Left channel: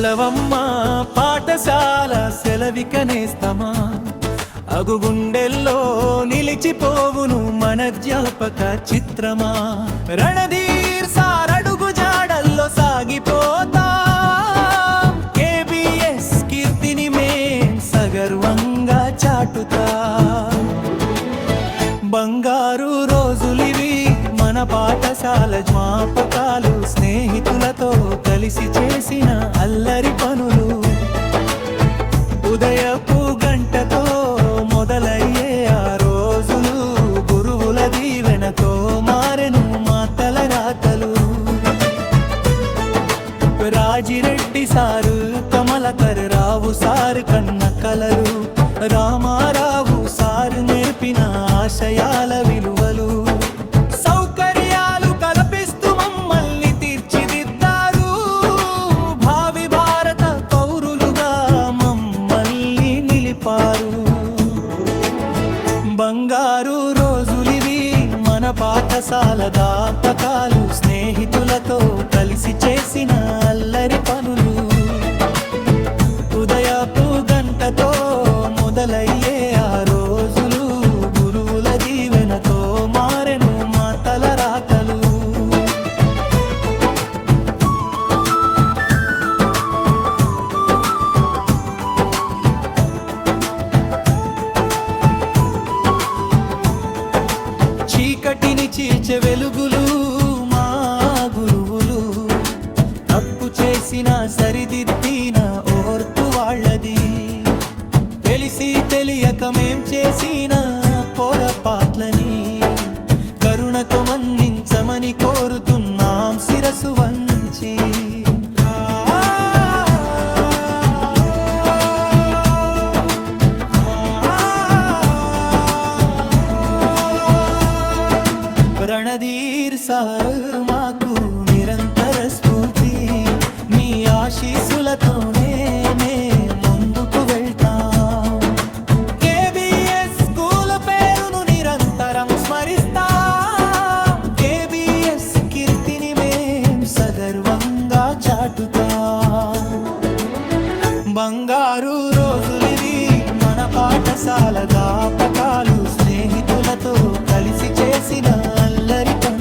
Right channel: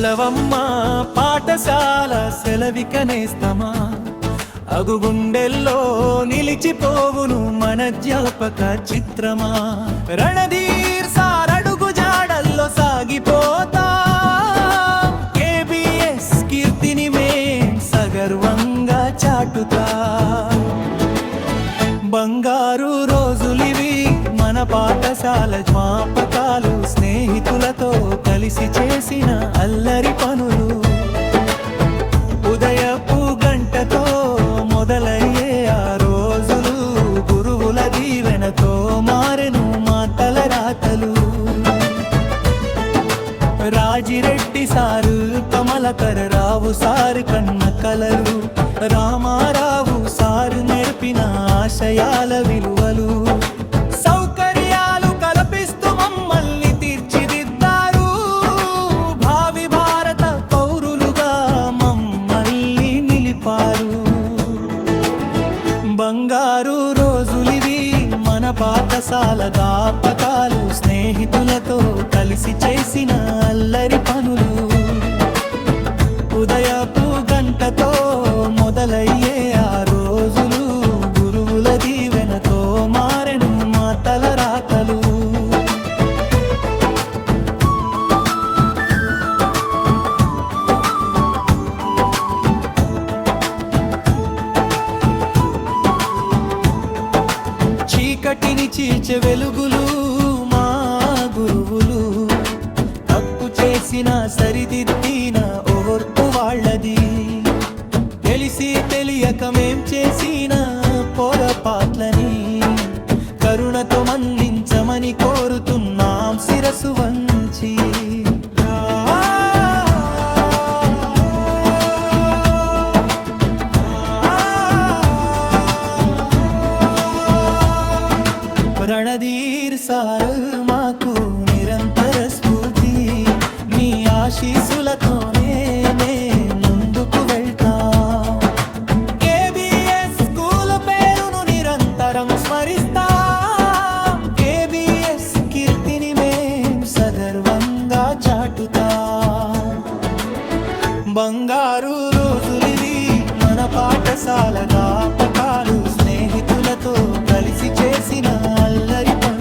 సెలవమ్మా పాఠశాల సెలవికనేస్తమా అగుగుండెల్లో నిలిచిపోవును మన జ్ఞాపక చిత్రమా. రణధీర్ సార్ అడుగు జాడల్లో సాగిపోతా కేబిఎస్ కీర్తిని మేం సగర్వంగా చాటుతా. బంగారు రోజులివి మన పాఠశాల జ్ఞాపకాలు, స్నేహితులతో కలిసి చేసిన అల్లరి పనులు. ఉదయపు గంటతో మొదలయ్యే ఆ రోజులు గురువుల దీవెనతో మారెను మా తలరాతలు. రాజిరెడ్డి సారు, కమలకర్ రావు సారు కన్న కలలు, రామారావు సారు నేర్పిన ఆశయాల విలువలు. సౌకర్యాలు కల్పిస్తూ మమ్మల్ని తీర్చిదిద్దారు, భావి భారత పౌరులుగా మమ్మల్ని నిలిపారు. బంగారు రోజులివి మన పాఠశాల జ్ఞాపకాలు, స్నేహితులతో కలిసి చేసిన అల్లరి పనులు. ఉదయపు గంటతో మొదలయ్యే ఆ రోజులు గురువుల దీవెనతో మారెను మా తలరాతలు. చీకటిని చీల్చే వెలుగులు మా గురువులు, తప్పు చేసిన సరిదిద్దిన ఓర్పు వాళ్ళది. తెలిసి తెలియక మేం చేసిన పొరపాట్లని కరుణతో మన్నించమని కోరుతున్నాం శిరసు వంచి. రణధీర్ సార్ మాకు నిరంతర స్ఫూర్తి, మీ ఆశీస్సులతోనే ముందుకు వెళ్తాం. కేబిఎస్ స్కూల్ పేరును నిరంతరం స్మరిస్తాం, కేబిఎస్ కీర్తిని మేం సగర్వంగా చాటుతాం. బంగారు రోజులివి మన పాఠశాల జ్ఞాపకాలు, స్నేహితులతో కలిసి చేసిన అల్లరి పనులు.